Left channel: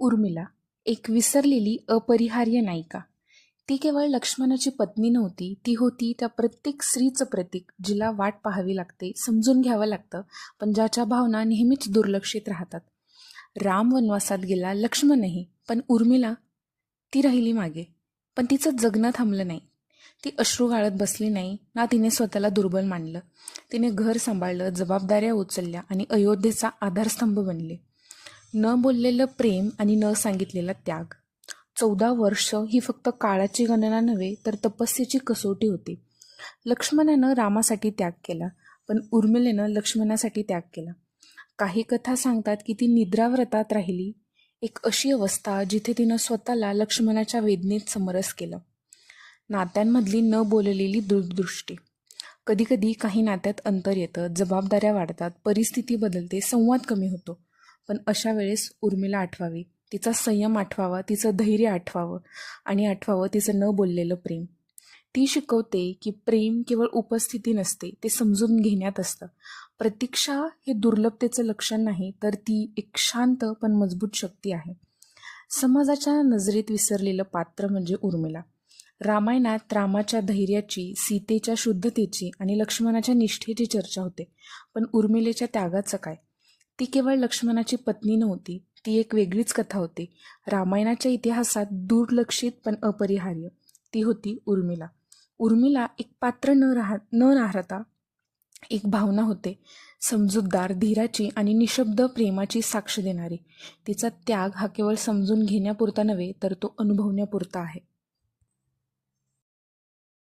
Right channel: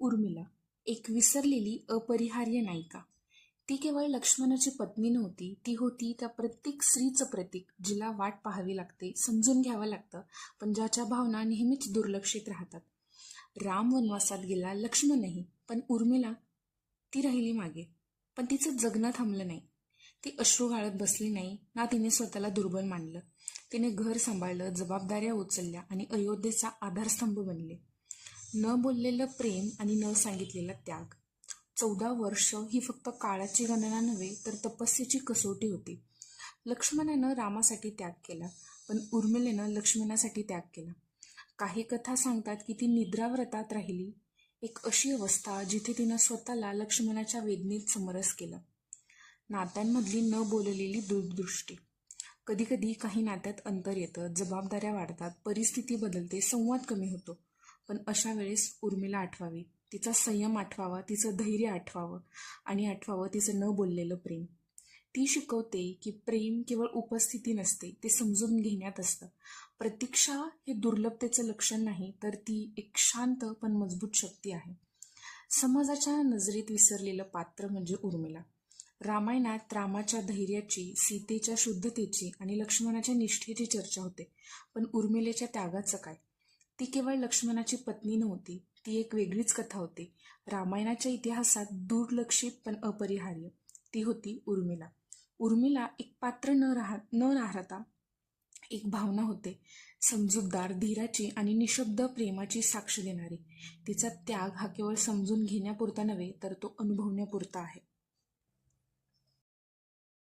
उर्मिला एक विसरलेली अपरिहार्य नायिका. ती केवळ लक्ष्मणाची पत्नी नव्हती, ती होती त्या प्रत्येक स्त्रीचं प्रतीक जिला वाट पाहावी लागते, समजून घ्यावं लागतं, पण ज्याच्या भावना नेहमीच दुर्लक्षित राहतात. राम वनवासात गेला, लक्ष्मणही, पण उर्मिला ती राहिली मागे. पण तिचं जगणं थांबलं नाही. ती अश्रू गाळत बसली नाही ना, तिने स्वतःला दुर्बल मानलं. तिने घर सांभाळलं, जबाबदाऱ्या उचलल्या आणि अयोध्येचा आधारस्तंभ बनले. न बोललेलं प्रेम आणि न सांगितलेला त्याग. 14 वर्ष ही फक्त काळाची गणना नव्हे, तर तपस्येची कसोटी होती. लक्ष्मणानं रामासाठी त्याग केला, पण उर्मिलेनं लक्ष्मणासाठी त्याग केला. काही कथा सांगतात की ती निद्राव्रतात राहिली, एक अशी अवस्था जिथे तिनं स्वतःला लक्ष्मणाच्या वेदनेत समरस केलं. नात्यांमधली न बोललेली दूरदृष्टी. कधीकधी काही नात्यात अंतर येतं, जबाबदाऱ्या वाढतात, परिस्थिती बदलते, संवाद कमी होतो. पण अशा वेळेस उर्मिला आठवावी, तिचा संयम आठवावा, तिचं धैर्य आठवावं आणि आठवावं तिचं न बोललेलं प्रेम. ती शिकवते की प्रेम केवळ उपस्थिती नसते, ते समजून घेण्यात असतं. प्रतीक्षा हे दुर्लभतेचं लक्षण नाही, तर ती एक शांत पण मजबूत शक्ती आहे. समाजाच्या नजरेत विसरलेलं पात्र म्हणजे उर्मिला. रामायणात रामाच्या धैर्याची, सीतेच्या शुद्धतेची आणि लक्ष्मणाच्या निष्ठेची चर्चा होते. पण उर्मिलेच्या त्यागाचं काय? ती केवळ लक्ष्मणाची पत्नी नव्हती, ती एक वेगळीच कथा होती. रामायणाच्या इतिहासात दुर्लक्षित पण अपरिहार्य. ती होती उर्मिला. उर्मिला एक पात्र न राहता एक भावना होते, समजूतदार, धीराची आणि निशब्द प्रेमाची साक्ष देणारी. तिचा त्याग हा केवळ समजून घेण्यापुरता नव्हे, तर तो अनुभवण्यापुरता आहे.